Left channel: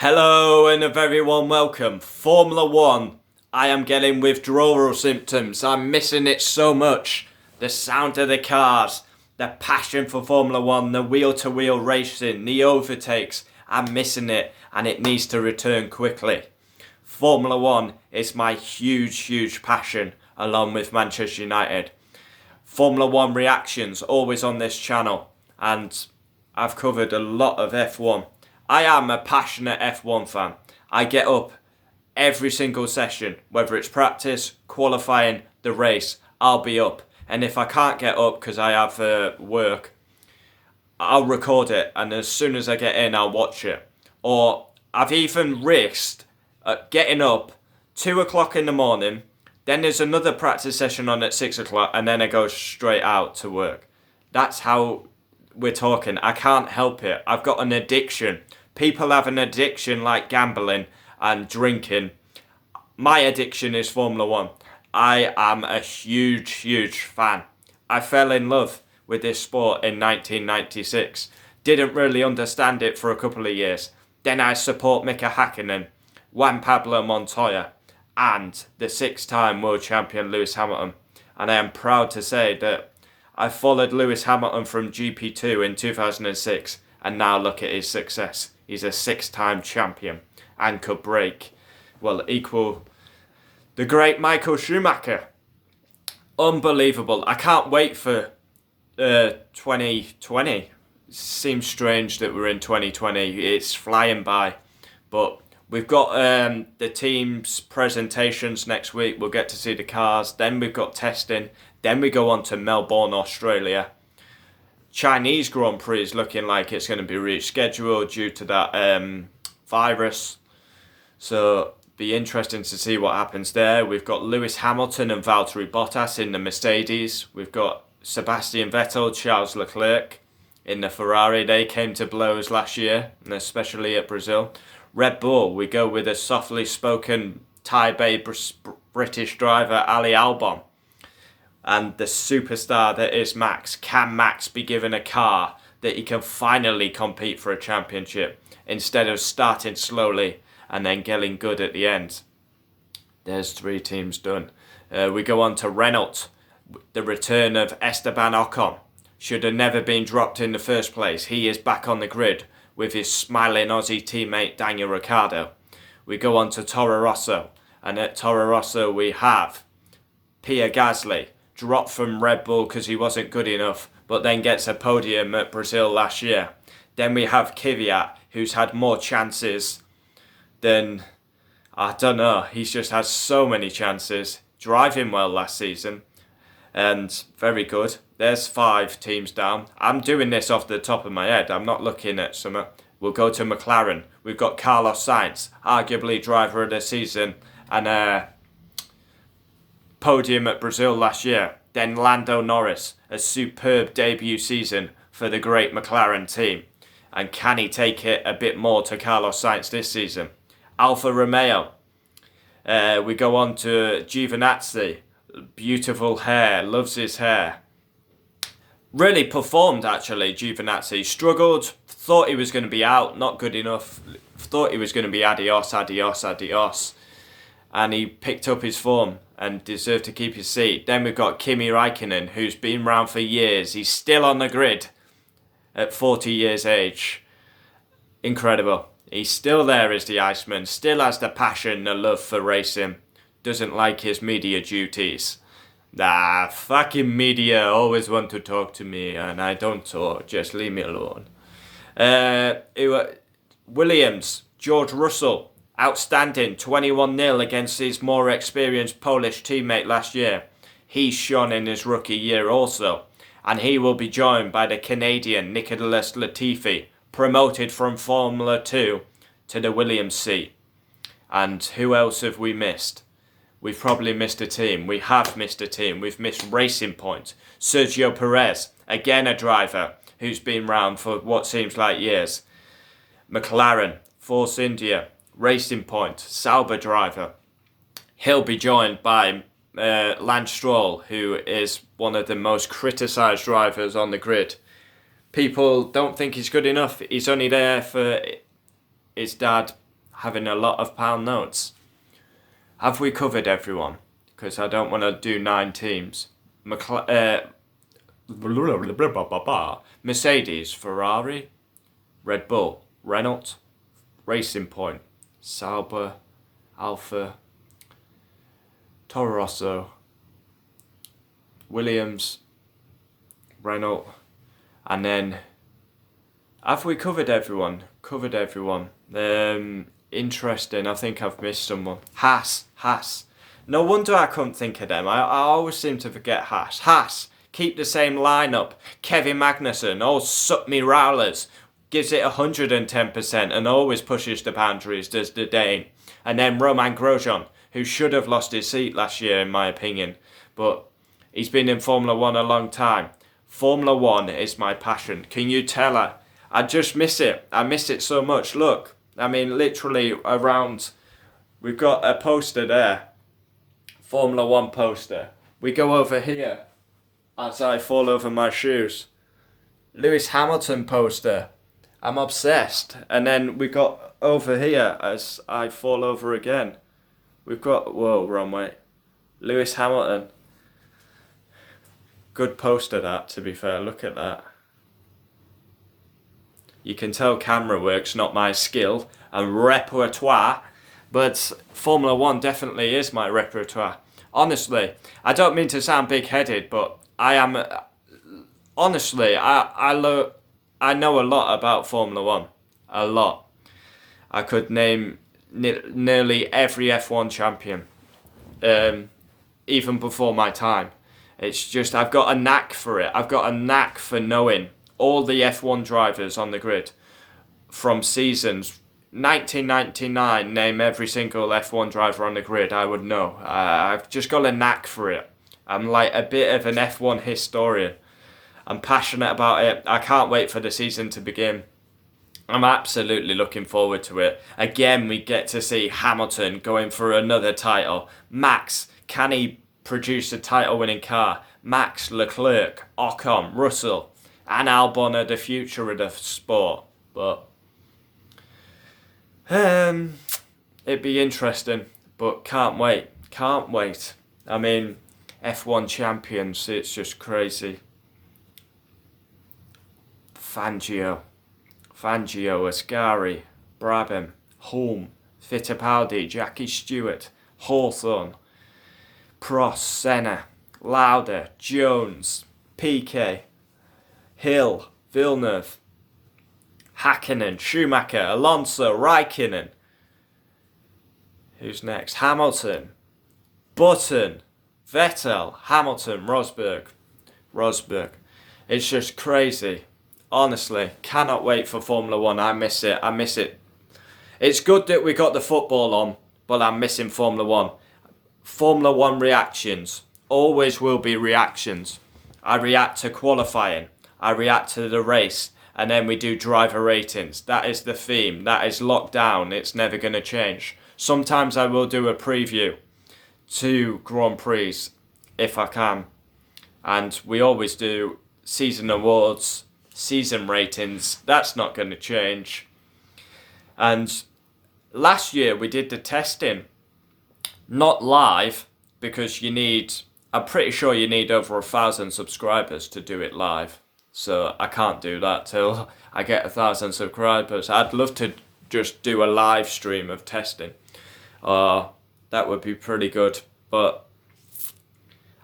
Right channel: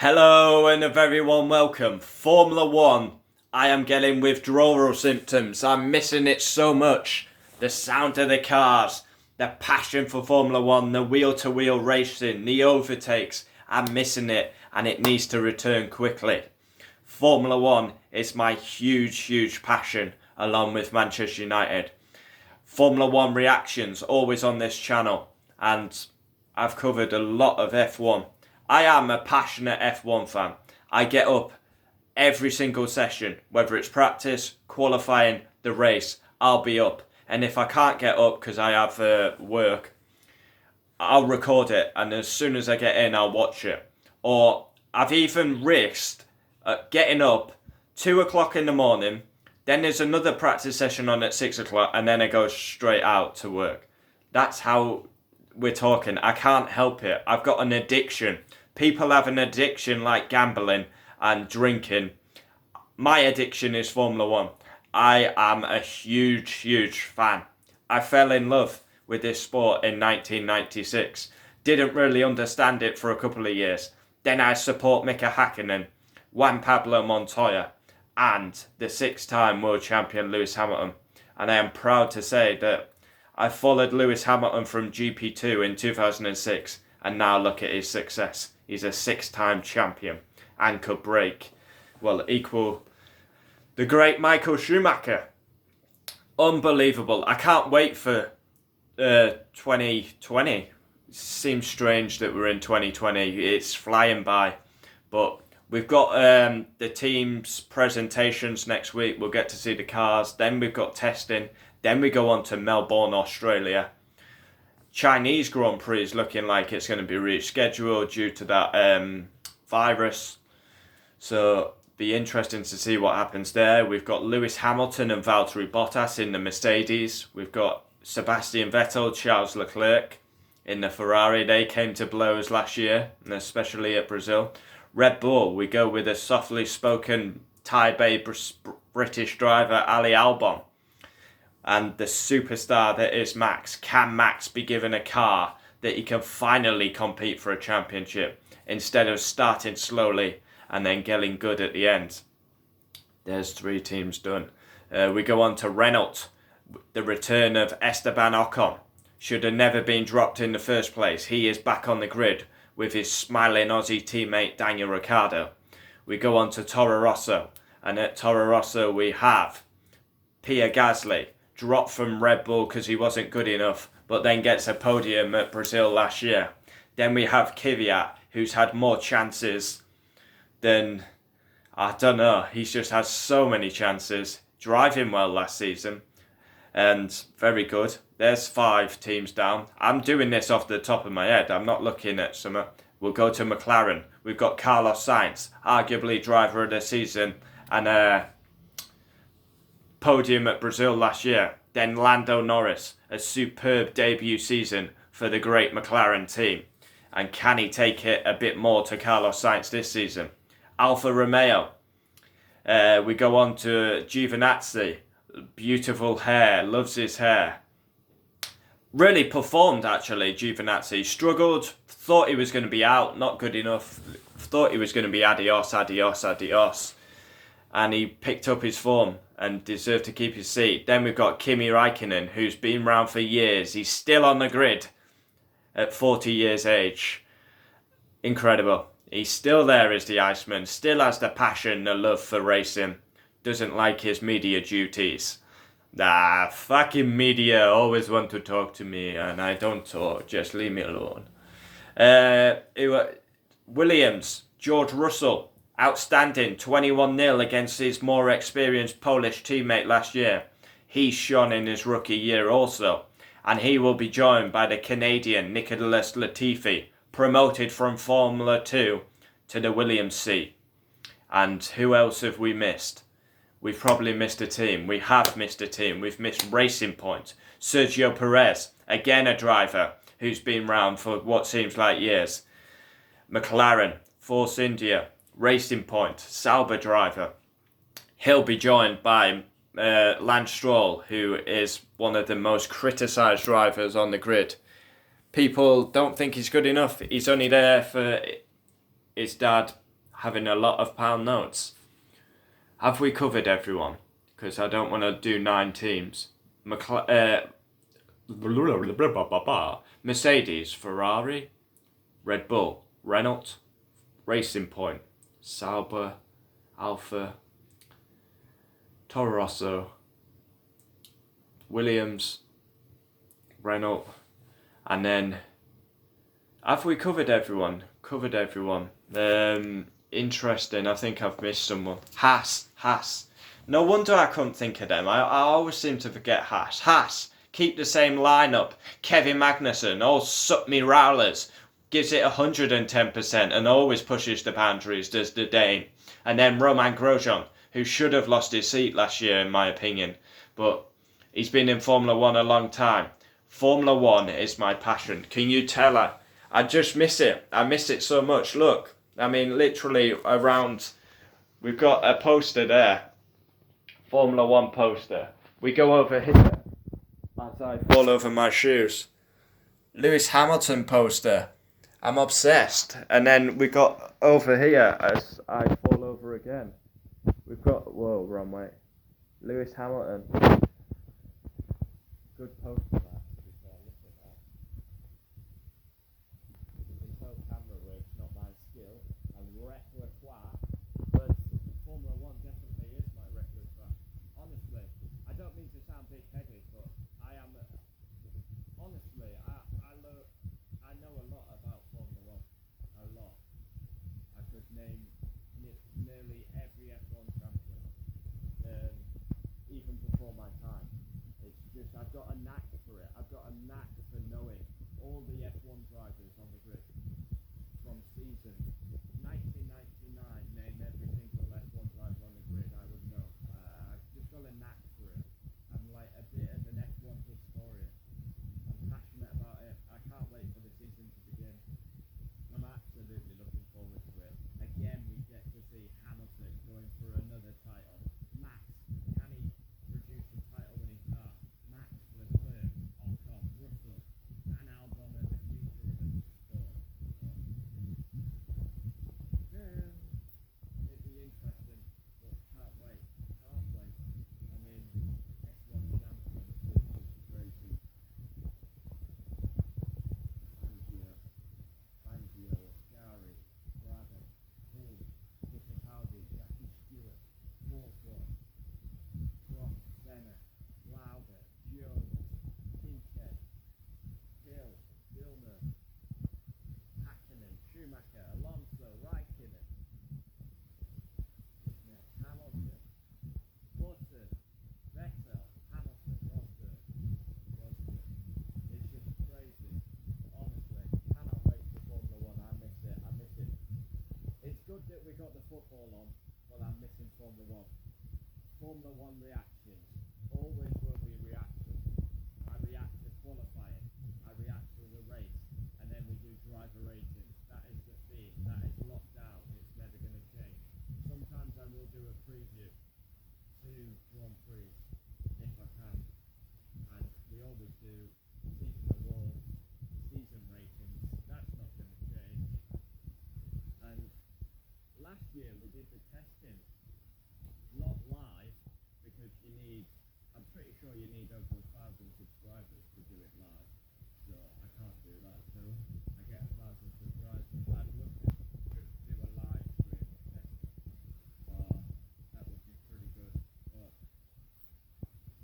Hello and a very warm welcome. Formula One. I am getting withdrawal symptoms. I'm missing it so much. The sound of the cars, the passion for Formula One, the wheel-to-wheel racing, the overtakes. I'm missing it and it needs to return quickly. Formula One is my huge passion along with Manchester United. Formula One reactions always on this channel, and I've covered a lot of F1. I am a passionate F1 fan. I get up every single session, whether it's practice, qualifying, the race, I'll be up. And if I can't get up because I have work, I'll record it, and as soon as I get in, I'll watch it. Or I've even risked getting up 2 o'clock in the morning, then there's another practice session on at 6 o'clock, and then I go straight out to work. That's how we're talking. I can't help it. I've got an addiction. People have an addiction like gambling and drinking. My addiction is Formula One. I am a huge fan. I fell in love with this sport in 1996. Didn't really understand it for a couple of years. Then I support Mika Hakkinen, Juan Pablo Montoya, and the 6-time world champion Lewis Hamilton. And I am proud to say that I followed Lewis Hamilton from GP2 in 2006, and now look at his success. He's a 6-time champion and could equal the great Michael Schumacher. Unbelievable. I can't wait for 2020. Seems strange that we're in 2020. It's flying by. But we've got the team's presentations next week. We'll get to see the cars. Then we've got testing. Then we go on to Melbourne, Australia. Chinese Grand Prix is looking like it's going to be rescheduled due to that virus. So be interesting to see what happens there. We've got Lewis Hamilton and Valtteri Bottas in the Mercedes. We've got Sebastian Vettel, Charles Leclerc in the Ferrari. They came to blows last year, and especially at Brazil. Red Bull, we go with a softly spoken Thai-Bay British driver, Ali Albon. And the superstar that is Max. Can Max be given a car that he can finally compete for a championship instead of starting slowly and then getting good at the end? There's 3 teams done. We go on to Renault. The return of Esteban Ocon. Should have never been dropped in the first place. He is back on the grid with his smiling Aussie teammate Daniel Ricciardo. We go on to Toro Rosso. And at Toro Rosso we have Pierre Gasly, dropped from Red Bull because he wasn't good enough, but then gets a podium at Brazil last year. Then we have Kvyat, who's had more chances than, I don't know, he's just had so many chances. Driving well last season, and very good. There's 5 teams down. I'm doing this off the top of my head. I'm not looking at some. We'll go to McLaren. We've got Carlos Sainz, arguably driver of the season, and podium at Brazil last year. Then Lando Norris, a superb debut season for the great McLaren team. And can he take it a bit more to Carlos Sainz this season? Alfa Romeo. We go on to Giovinazzi. Beautiful hair, loves his hair. Really performed actually, Giovinazzi. Struggled, thought he was going to be out, not good enough. Thought he was going to be adios. And he picked up his form and deserved to keep his seat. Then we've got Kimi Räikkönen, who's been around for years. He's still on the grid at 40 years age. Incredible. He's still there as the Iceman, still has the passion, the love for racing. Doesn't like his media duties. Fucking media always want to talk to me and I don't talk, just leave me alone. Williams, George Russell, outstanding, 21-0 against his more experienced Polish teammate last year. He shone in his rookie year also. And he will be joined by the Canadian Nicholas Latifi, promoted from Formula 2 to the Williams seat. And who else have we missed? We've probably missed a team. We have missed a team. We've missed Racing Point. Sergio Perez, again a driver who's been round for what seems like years. McLaren, Force India, Racing Point, Sauber driver. He'll be joined by Lance Stroll, who is one of the most criticised drivers on the grid. People don't think he's good enough. He's only there for his dad having a lot of pound notes. Have we covered everyone? Because I don't want to do 9 teams. Mercedes, Ferrari, Red Bull, Renault, Racing Point, Sauber, Alfa, Toro Rosso, Williams, Renault, and then have we covered everyone? Interesting. I think I've missed someone. Haas. No wonder I couldn't think of them. I always seem to forget Haas. Haas, keep the same lineup. Kevin Magnussen, suck me rowlers. Gives it 110% and always pushes the boundaries, does the Dane. And then Romain Grosjean, who should have lost his seat last year in my opinion. But he's been in Formula 1 a long time. Formula 1 is my passion. Can you tell her? I just miss it. I miss it so much. Look, I mean, literally around, we've got a poster there. Formula 1 poster. We go over here as I fall over my shoes. Lewis Hamilton poster. I'm obsessed. And then we got over here as I fall over again. We've got, whoa, wrong way. Lewis Hamilton. Good poster that, to be fair. Look at that. You can tell camera work's not my skill and repertoire, but Formula 1 definitely is my repertoire. Honestly, I don't mean to sound big-headed, but I am... Honestly, I know a lot about Formula 1. A lot. I could name nearly every F1 champion, even before my time. It's just, I've got a knack for it. I've got a knack for knowing all the F1 drivers on the grid from seasons 1999. Name every single F1 driver on the grid, I would know. I've just got a knack for it. I'm like a bit of an F1 historian. I'm passionate about it. I can't wait for the season to begin. I'm absolutely looking forward to it. Again, we get to see Hamilton going for another title. Max, can he produce a title-winning car? Max, Leclerc, Ocon, Russell, and Albon are the future of the sport. But it'd be interesting, but can't wait. I mean, F1 champions, it's just crazy. Fangio, Ascari, Brabham, Hulme, Fittipaldi, Jackie Stewart, Hawthorne, Prost, Senna, Lauda, Jones, Piquet, Hill, Villeneuve, Hakkinen, Schumacher, Alonso, Raikkonen. Who's next? Hamilton, Button, Vettel, Hamilton, Rosberg. It's just crazy. Honestly, cannot wait for Formula 1. I miss it. It's good that we got the football on, but I'm missing Formula 1. Formula 1 reactions. Always will be reactions. I react to qualifying. I react to the race. And then we do driver ratings. That is the theme. That is locked down. It's never going to change. Sometimes I will do a preview to Grand Prix if I can. And we always do season awards, season ratings. That's not going to change. And last year we did the testing. Not live, because I'm pretty sure you need over 1,000 subscribers to do it live. So I can't do that till I get 1,000 subscribers. I'd love to just do a live stream of testing. That would be pretty good. But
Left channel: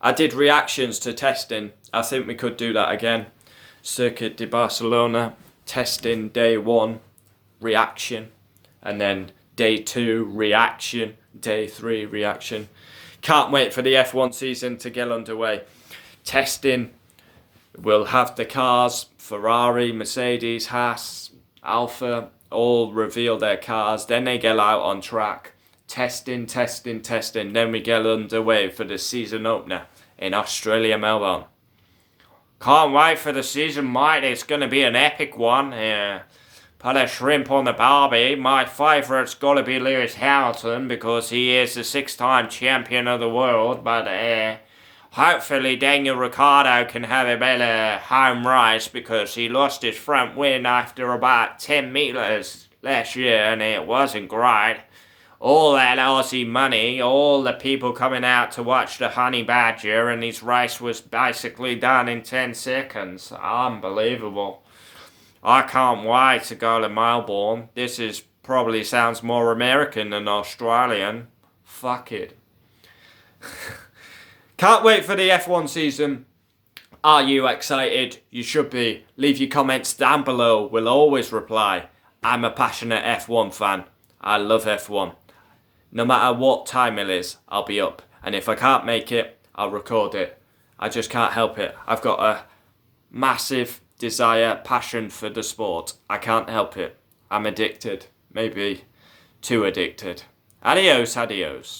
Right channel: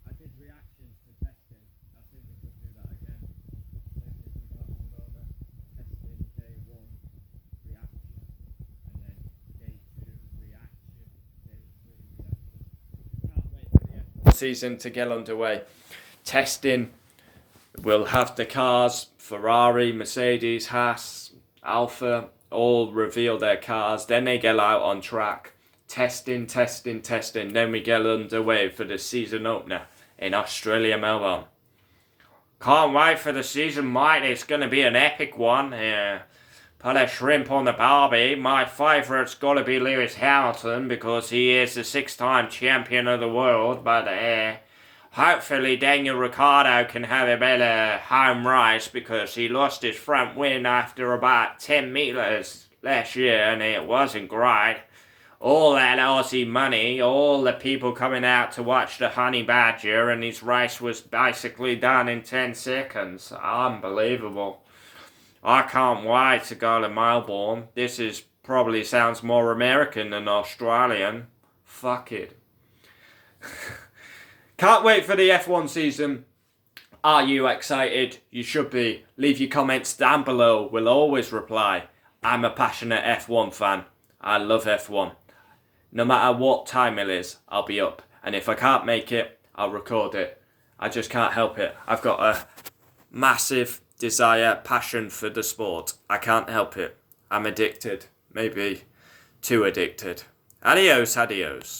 I did reactions to testing. I think we could do that again. Circuit de Barcelona, testing day 1, reaction. And then day 2, reaction. Day 3, reaction. Can't wait for the F1 season to get underway. Testing. We'll have the cars, Ferrari, Mercedes, Haas, Alfa, all reveal their cars. Then they get out on track. Testing. Then we get underway for the season opener in Australia, Melbourne. Can't wait for the season, mate. It's going to be an epic one. Put a shrimp on the barbie. My favourite's got to be Lewis Hamilton because he is the 6-time champion of the world. But hopefully Daniel Ricciardo can have a better home race because he lost his front wing after about 10 metres last year and it wasn't great. All that Aussie money, all the people coming out to watch the Honey Badger, and his race was basically done in 10 seconds. Unbelievable. I can't wait to go to Melbourne. This is probably sounds more American than Australian. Fuck it. Can't wait for the F1 season. Are you excited? You should be. Leave your comments down below. We'll always reply. I'm a passionate F1 fan. I love F1. No matter what time it is, I'll be up. And if I can't make it, I'll record it. I just can't help it. I've got a massive desire, passion for the sport. I can't help it. I'm addicted. Maybe too addicted. Adios, adios.